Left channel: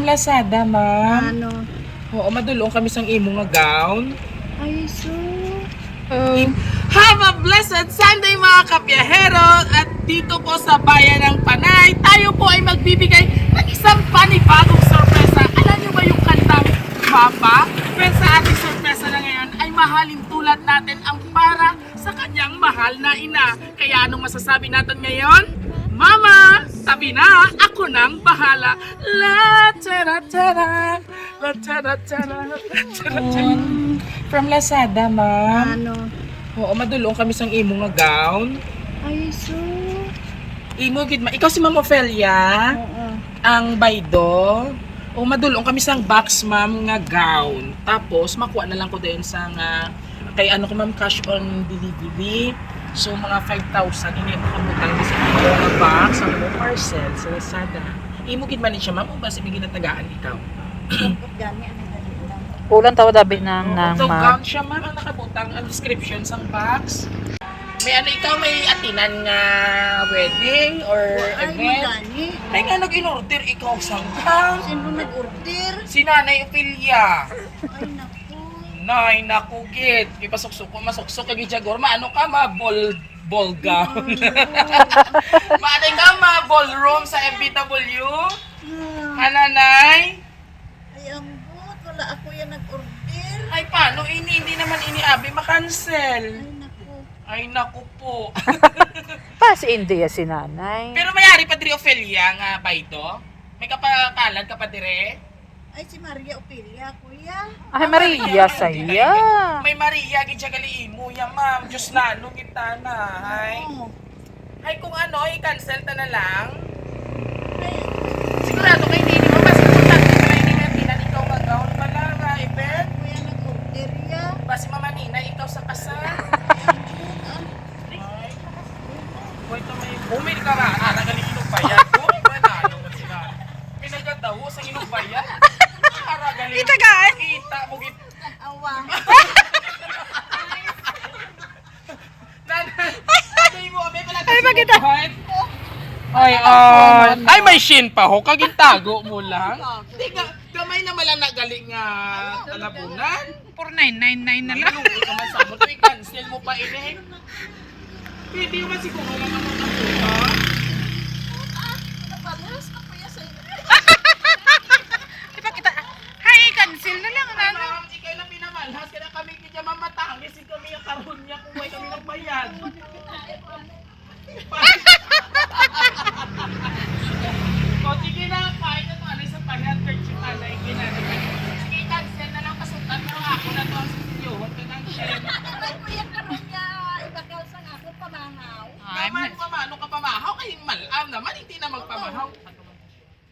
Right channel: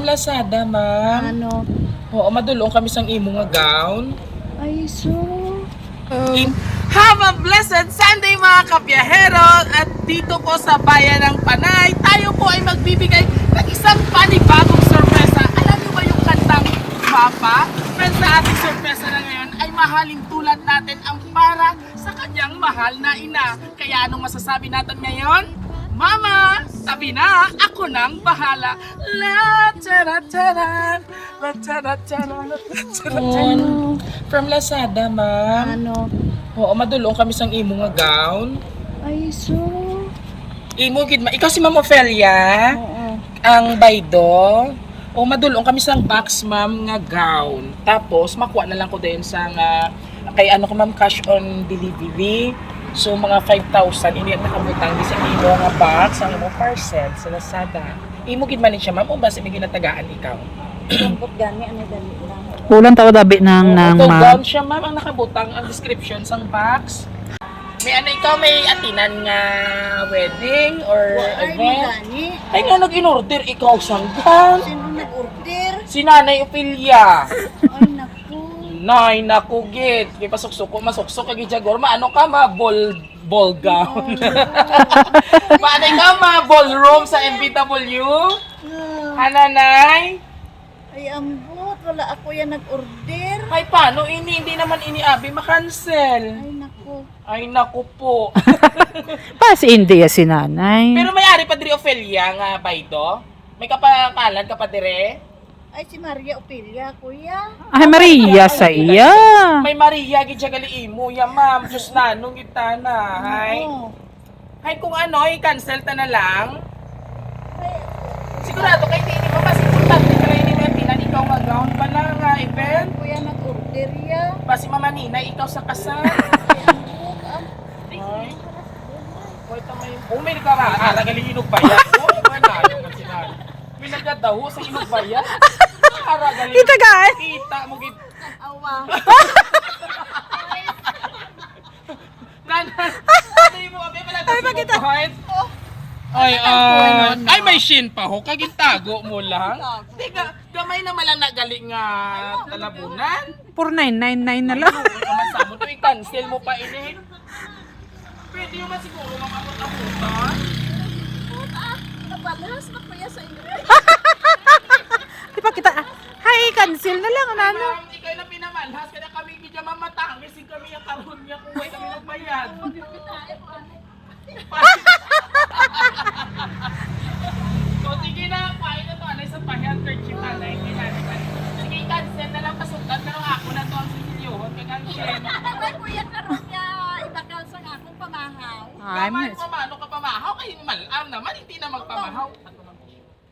From Lazada, ma'am. Ano? Oo, madulong kami sang imo nga gown. Ay, so... Have a blessed Sunday mga kabiyahero! At dito po sa bayan ng Panay, tayo po ay magbibigay ng isang panibagong sorpresa. Alam niyo ba yung kantang Mapa? Pero sa ating sorpresa na ngayon ay mahalin tulad natin ang para sa kanyang mahal na ina. Kaya anong masasabi natin ngayon? Mama, sabi na, ako nang bahala. La tara tara, la tara tara, la tara tara. From Lazada, ma'am. Ano? Oo, madulong kami sang imo nga gown. Ay, so... Imo gid ma. Ikaw si Ma'am Ofelia, Oo. ang baydo. O madulong kami sang box ma'am nga gown. Tapos makuha na lang ko din sang kay ano ko ma'am cash on delivery. So mga 5,000 ini ang nakabutang di sa imo nga box ang imo parcel sa Lazada. Imo gid man ni siya ma'am o basta may ginatagaan ikaw. Sampot gani, ano dali lang. Kulang tako dabi ng So ma. gown siya ma'am ang nakabutang ang description sang box. May ano ikaw may atinan nga wedding or Ay, mo event? gani. Ay nga nag-in-order ikaw sang gown. Sino nag-order? Si Nanay Ofelia. Ay, naku. Nay, naku git. May pasok-suko, masok-suko kay Jagor. Maano ka ma ball gown. Maanay ka ma ballroom sa MBW? Hananay? Ay, ambot. Wala ako yan nag-order. Ay paano ini hindi naman ini abi makancel. Ay, naku. Ay naku po. Pa si India si nanay. Pero may-ari pa diri Ofelia nga baydo. May kapakalan ka pa dire? Ay, si Maria Opelia, kuya. Ay Maria sa iya. May Maria gid siya gali imo ya ma'am. Diyos na nung itana. Hay. Oo. Hay kung ano, i-cancel ta na lang. Ay, Sigurado kay hindi mo kasi kontak ko hindi na pinan ikaw nga gown pala nga event. kuya nag-order ya. Basi Mama Nina ikaw sa kasal. Ay, ambot. Ay. Hoy to may bumili ka nga ara galing inog bayad. Oh, manalo man si Nan. May nagadaho sa inog bayad. Ara galing. Kita gaan. Kita mo gid. Awa. Nanay mo abi pala. Ay, bakit ah? Ay may shin pa ho kagintago mo lang. Di ka gamay na malang nagaling nga talabunan. 4999 na lang. Ano ka man sa mo to i-cancel mo pa ini. Pwede yung man siguro mamamot ang muka. Nabalas na kuya sa inyo. Di ba kita? Hay cancel na lang Ay ano. ma'am, ikaw na pinamalhas kaya kami kaya mamatangis kami ang karon niya kung way kami nagbayad. O sige na, kain na to. Anay sa pahyat, perchit anay, kinanay. Sige, cancel na lang pasukan. Pero ako na to ang sisilyohon. Kagansin. Ay, kuya karon niya ibakal sa akong pamahaw. Gaman pa maano ka pamahaw. Kaya malaw naman, hindi na magpamahaw.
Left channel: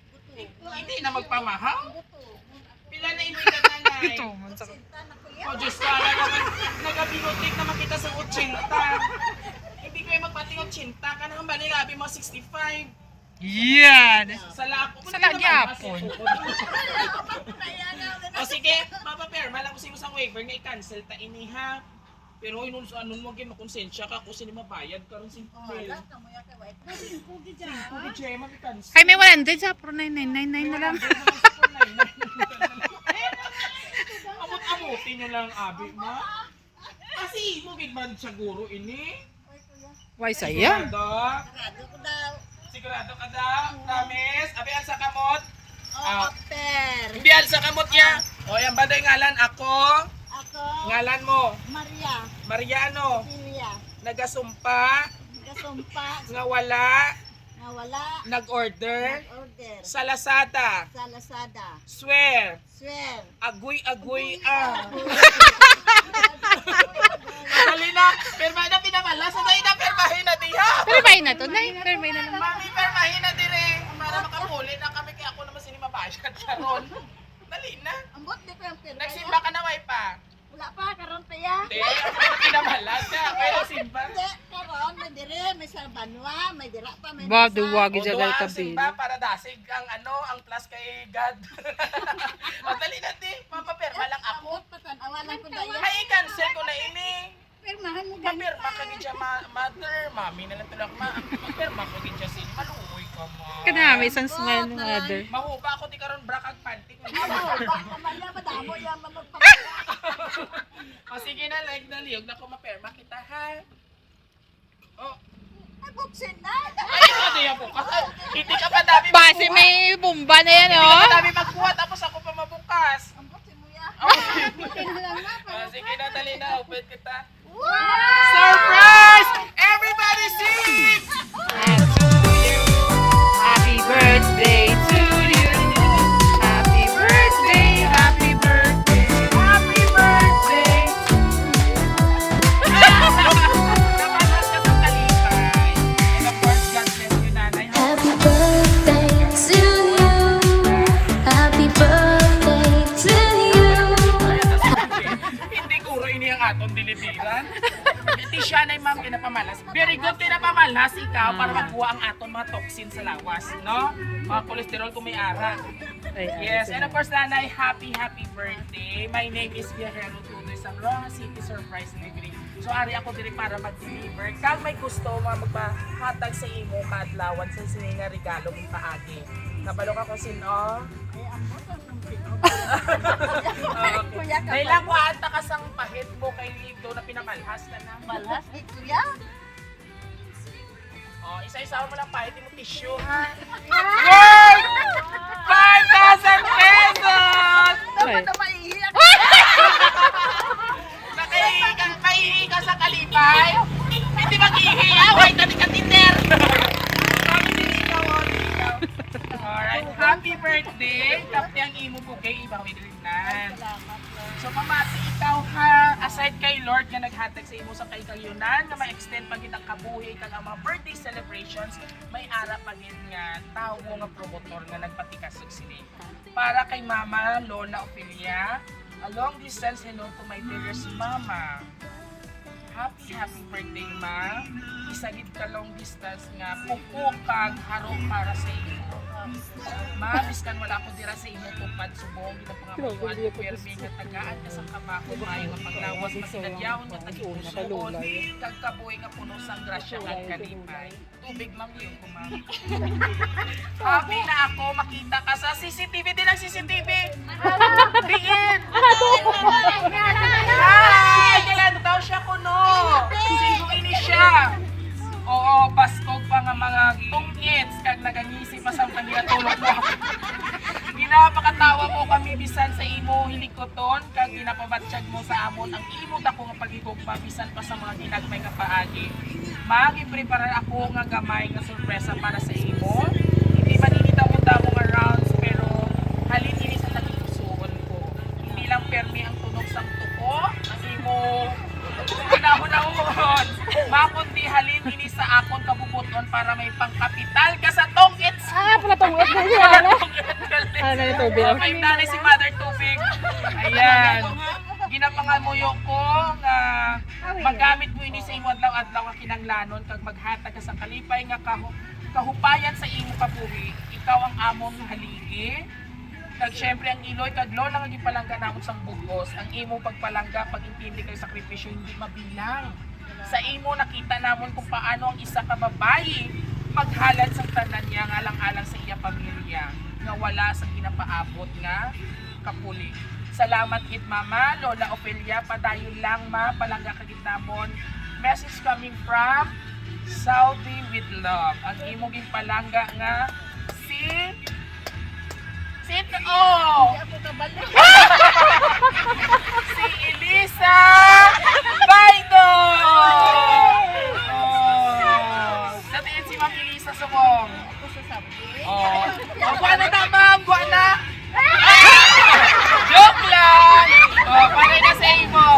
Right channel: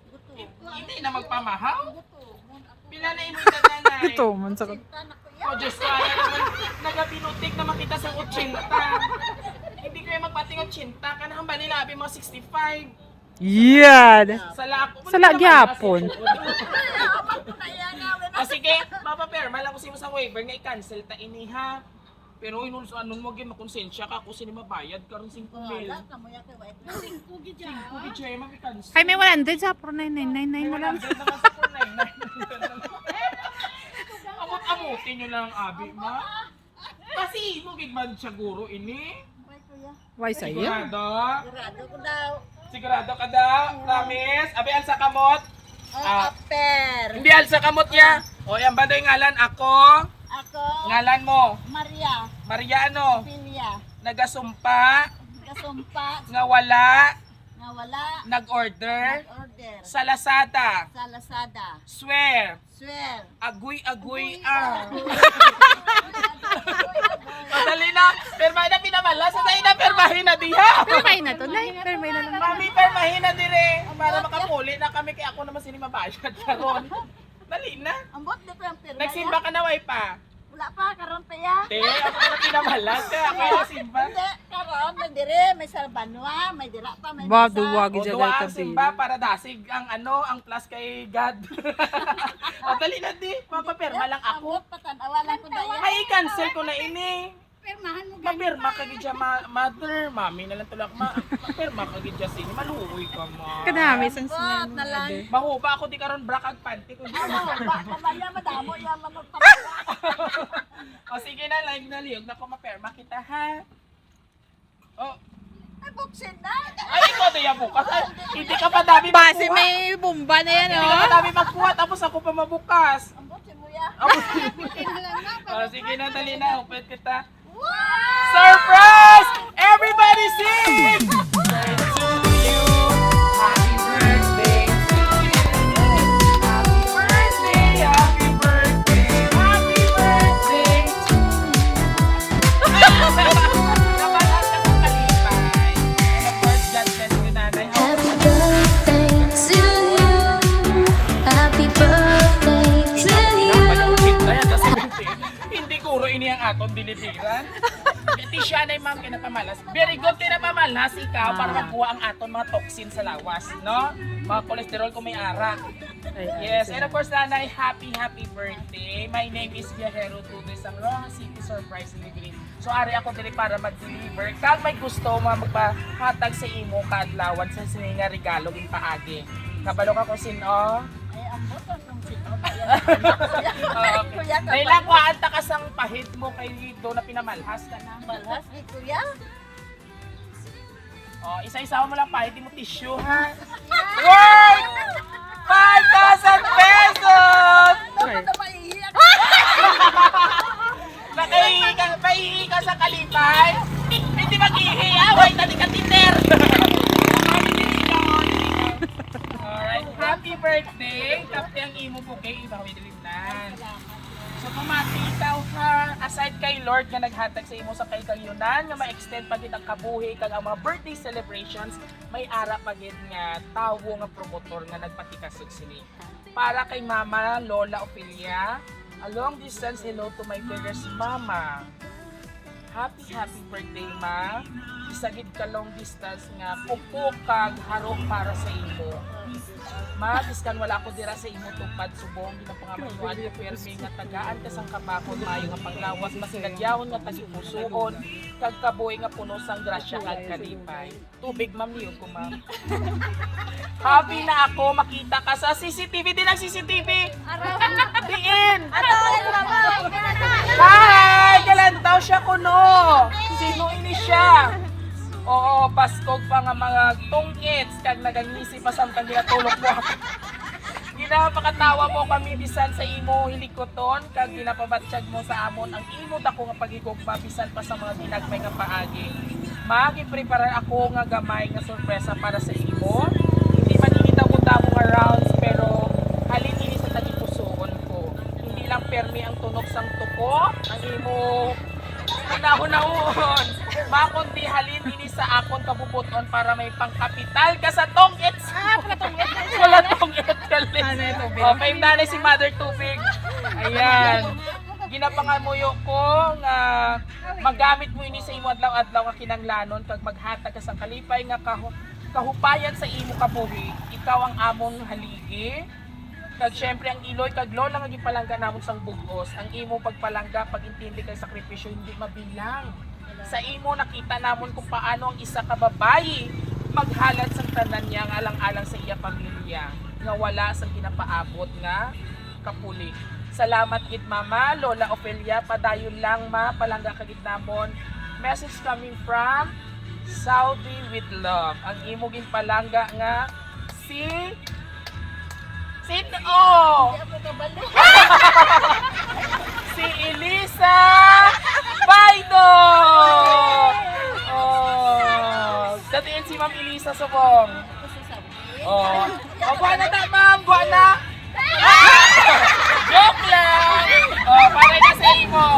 Buto. Hindi na magpamahaw. Buto. Pila na imo ita nanay. Ito man sa Sinta na kuya. O Diyos ko, ala naman. Nagabinutik na makita sa 80. Hindi kayo magpating 80. Kanang bali labi mga 65. Yan. Sala ako. Sala gyapon. O sige, mapaperma lang ko sa sa waiver nga i-cancel ta ini ha. Pero anon mo gyud makonsensya ka kung sino mabayad karon 5 mil. Wala ka mo ya kay wife. Kugi dyan. Kugi jay ma i-cancel. Hay may 100 sa 4999 na lang. Amot-amutin nyo lang abi ma. Kasi mo gid man siguro ini. Ay, kuya. Why saya? Sigurado. Sigurado ko daw. Sigurado ka daw. Promise. Abi alsa kamot. Oh, after. Hindi alsa kamot ya. O yan ba day ngalan ako? Ako, Ngalan mo. Maria Mariano. Opelia. Nagasumpa Kasumpa nga wala na wala nag-order nag-order sa Lazada. sa Lazada. Swear. Swear. Agoy-agoy Dali na. Permahin na pinamalas. Sa tayo na permahin na diha. Permay na to, nay. Permay na lang. Mami, permahin na dire. Para makapuli na kami kaya ako naman sini mabayad karon. Dali na. Ambot di ko yung pirma. Nagsimba ka na way pa. Wala pa karon pa ya. Te, ako na pinamalas. Te, ako yung nagsimba. Hindi, karon may dire, may salbanwa, may dira pa, may Ba misa. duwagi O, jagay duwa ang tabi. simba para dasig ang ano, ang plus kay God. O, dali na di. Mapaperma lang ako. Ambot patan awalan ko daya. Ay, cancel ko na ini. Pirmahan mo ganun. Mapirma ka gidya mother, mami na lang tulak mapirma ka gidya sini maluoy ka ma. Kanami, isang smell ng mother. Mahuba ako di karon bra kag panty ko. Ano, mamaya madamo yan managpapala. O sige na, like na liyog na ko mapirma kita ha. Oh, Ay, buksin na. ay ikaw di ako kasi hindi ka pa dami Base may bomba na yan, Hindi oh. ka dami magkuha tapos ako pa mabukas. Ang buksin mo yan. Okay. Buksin mo lang na. Sige na, dali na. Upit kita. Wow! Surprise! Everybody sing! Happy birthday to you. Happy birthday, happy birthday, happy birthday to you. Namalas ka sa talipay. Of course, God bless you, nanay. Happy birthday to you. Happy birthday to you. Hindi kuro ini ang atong dilibiran. Iti siya na ma'am kinapamalas. Very good kinapamalas ikaw para makuha ang aton mga toxin sa lawas, no? Mga cholesterol kung may ara. Yes, and of course nanay, happy birthday. My name is Viajero Tuloy sa Roja City Surprise Delivery. So ari ako dili para mag-deliver. Kag may gusto magpahatag sa imo kadlawan sa sininga regalo in paagi. Kabalo ka kung sino? Ay, ang buksan yung sino. Kuya ka Dahil ba? lang maanta ka sang pahit mo kay Lido na pinamalhas ka na. Malhas ni kuya. Oh, isa-isa mo lang pahit mo tissue. Wait! 5,000 pesos! Dapat na maiiyak. Maiihi ka sa kalipay? Hindi mag-ihiyaw, ay tani ka titer! Alright, happy birthday! Kapte ang imo po kay ibang midilinan. So pamati ikaw ha, aside kay Lord nga naghatag sa imo sa kay kayunan, nga ma-extend pa kitang kabuhi kag ang mga birthday celebrations, may ara pa gid nga tawo nga promotor nga nagpatikasig sini. Para kay Mama Lola Ophelia, a long distance hello to my dearest Mama. Happy birthday, Ma. Isagid ka long distance nga pupo kag harok para sa imo. Ma, biskan wala ko dira sa imo tupad subong imo pangabuan permi nga tagaan ka sang kapakon maayo nga panglawas masigadyawon nga tasuon kag kaboy nga puno sang grasya kag kalipay. Tubig ma'am yun ko ma'am. Happy na ako makita ka sa CCTV din ang CCTV. Diin. Hi! Galantaw siya kuno. Sino ini siya? Oo, baskog pa nga mga tungits kag nagangisi pa samtang ginatulog mo ako. Ginapakatawa mo kami bisan sa imo hilikoton kag ginapabatsyag mo sa amon ang imo dako nga paghigugma bisan pa sa mga ginagmay nga paagi. Magi-prepare ako nga gamay nga sorpresa para sa imo. Hindi man ini damo nga rounds pero halin ini sa tagipusoon ko. Hindi lang permi ang tunog sang tuko, ang imo pinahunahon. Makundi halin ini sa akon kabubuton para may pangkapital ka sa tongits. Pala tungod na yun. Wala tongits galit. Ano yung tubig? Okay, nanay si Mother Tubig. Ayan. Ginapangamuyo ko nga magamit mo ini sa imo adlaw-adlaw nga kinanglanon kag maghatag ka sa kalipay nga kahupayan sa imo kabuhi. Ikaw ang amon haligi. Kag syempre ang iloy kag lola nga gipalangga namon sang bugos. Ang imo pagpalangga pag-intindi kay sakripisyo hindi mabilang. Sa imo nakita namon kung paano ang isa ka babayi maghalad sang tanan niya nga alang-alang sa iya pamilya nga wala sang ginapaabot nga kapuli. Salamat gid Mama Lola Ophelia, padayon lang ma palangga ka gid namon. Message coming from Saudi with love. Ang imo ginpalangga nga si Sino? Hindi ako kabalo. Si Elisa Baido! Oh, datiin si Ma'am Elisa Subong. Ako sa Saudi. Oh, buwan na tamang, buwan na. Joke lang. Oh, paray na sa imo.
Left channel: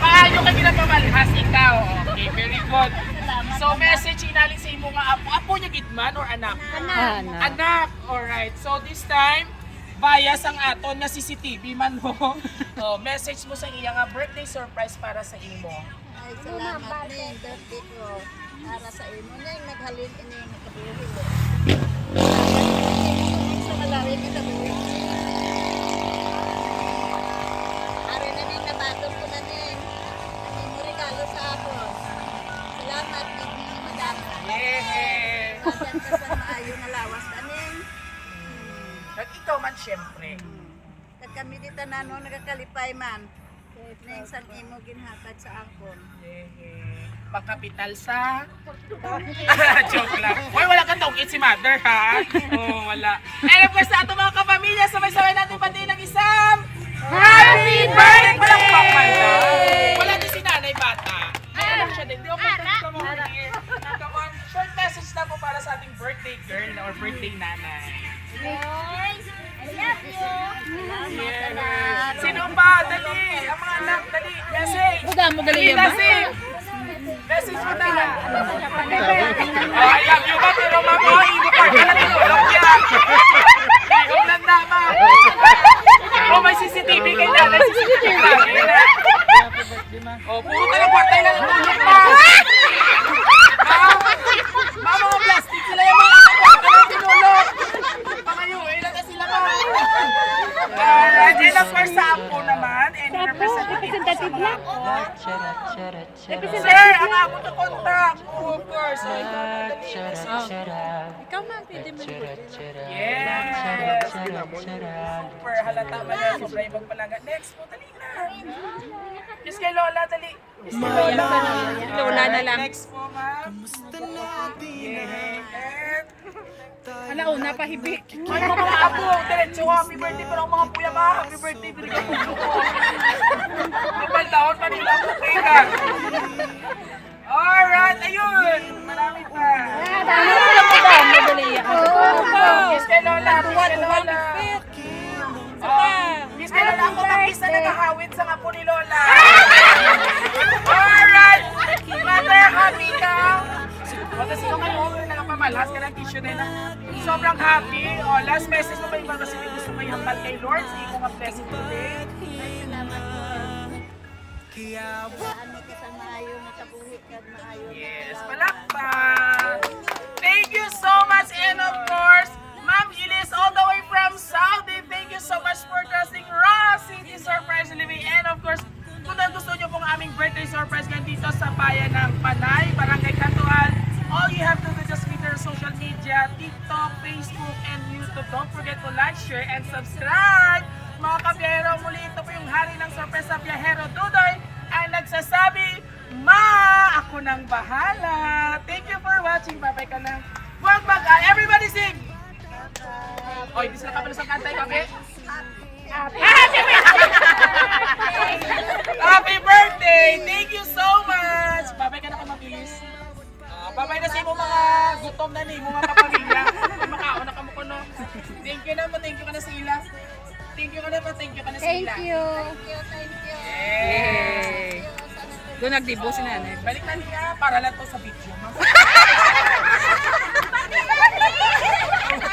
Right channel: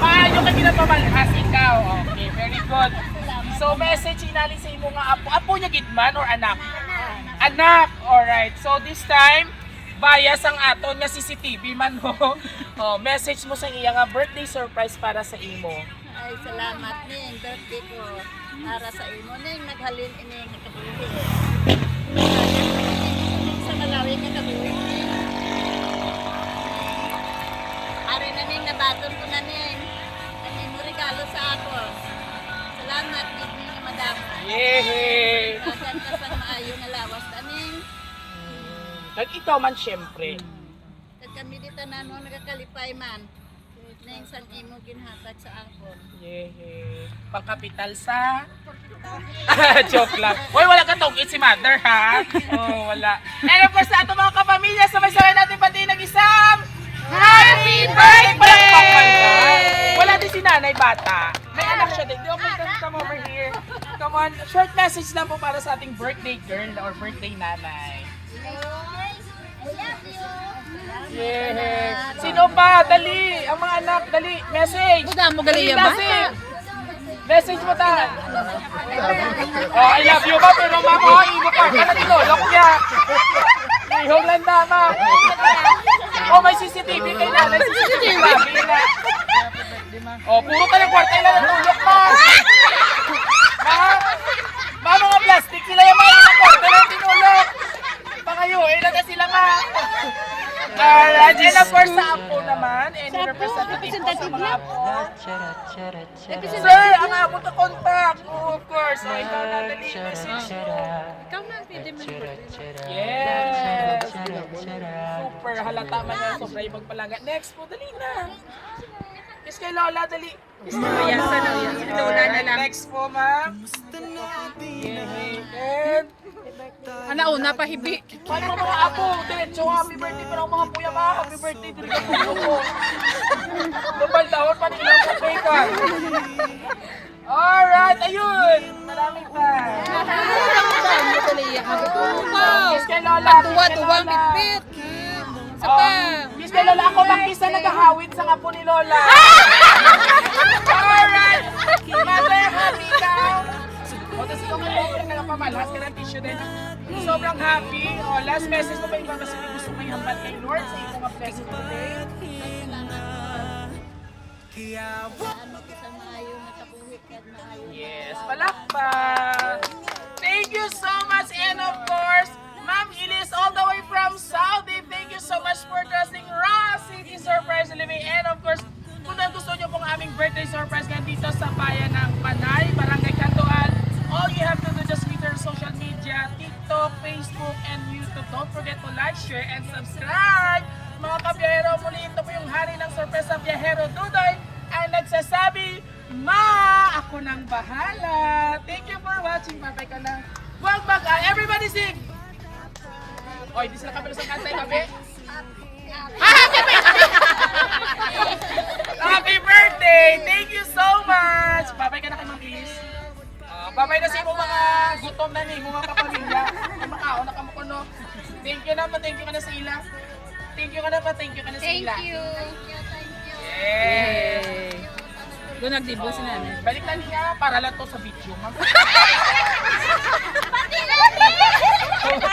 Maayo ka ginapamalhas ikaw. Okay, very good. Salamat. So, message inalin sa imo nga apo. Apo niya gitman or anak? Ano? Anak, alright. So this time, bias ang aton nga CCTV man ho. Oh, message mo sa iya nga birthday surprise para sa imo. Ay, salamat ning birthday ko. Para sa imo ning naghalin ini nga kabuhi. Ning sa Malawi nga kabuhi. Are na ning nabaton ko na ning. Ang imo ring regalo sa ako. Salamat, Bidning, madam. Yehey! Dagan ka sa maayo nga lawas, taning. Kag ikaw man syempre. Kag kami dito na no, nagakalipay man. Neng sang imo ginhatag sa angkon. Yehey. Pangkapital sa... Joke lang. Hoy, wala kang tawagin si mother, ha? Oo, wala. And of course, sa ating mga kapamilya, sabay-sabay natin pati nag-isang Happy Birthday! Wala din si nanay bata. May anak siya din. Di ako come over here. Come on, short message lang po para sa ating birthday girl or birthday nanay. I love you. Yeah. Sino pa? Dali! Ang mga anak, dali! Message! Buda mo gali ya bata. Message mo ta! Oh, I love you ba? Pero mama, ibo pa! Ano dito? Lokya! Ihong landa ma! Oh, may CCTV kayo na! May CCTV! Oh, puro ka ng kwarta lang ang tulog pa! Ha? Mga mga plastic sila yung mga ilang kwarta lang tinulog! Pangayo, ilan na sila ma! Alright, and of course sa Apo naman, and representative po sa Apo. Sir, ang Apo na contact. Oh, of course. So, ito na dali. Ikaw na, pwede mo. Yes. Super halata man yan. Super ibang palaga. Next po, dali na. Yes kay Lola, dali. Yan sa no, yan. Si Lola na lang. Next po, ma'am. And Ana una pa hibik. Ay, mga Apo, diretso happy birthday pa ng mga kuya ma. Happy birthday, bigyan ko tulong ko. Lupal taon pa nilang bukay ka. Alright, ayun. Marami pa. Ano mo ba mo gali ya? Abo ko wow. Miss kay Lola. Tuwa bitbit. Sa pa. Miss kay Lola, ako bang isa naghahawid sa ngapo ni Lola? Alright. Mother, happy ka. O, tapos ikaw man mo, nakapamalas ka ng tissue din. Sobrang happy. O, last message mo ba ibang kasi gusto mo ihambal kay Lord sa iyong mga blessing today? Ano ka sa maayo nga kabuhi kag maayo. Yes, palakpak! Thank you so much, and of course, Ma'am Ilis all the way from Saudi. Thank you so much for trusting Raw City Surprise Living. And of course, kung gusto nyo pong aming birthday surprise ngayon dito sa bayan ng Panay, Barangay Cantuan, all you have to do just meet our social media, TikTok, Facebook, and YouTube. Don't forget to like, share, and subscribe! Mga kabiyahero, muli ito po yung hari ng sorpresa biyahero Dudoy ang nagsasabi, Ma! Ako nang bahala! Thank you for watching. Bye-bye ka na. Huwag everybody sing! Oy, di sila kapalos ang kantay, kabe? Happy birthday! Happy birthday! Thank you so much! Bye-bye ka na kay Ma'am Ilis. Bye-bye na sa imo mga gutom na ni, mga kapamilya. Makaon na ka mo kuno. Thank you na ka na sa ila. Thank you ka na sa ila. Thank you. Yay! Doon nagdibo si nanay. Balik na niya para lang to sa video, ma'am.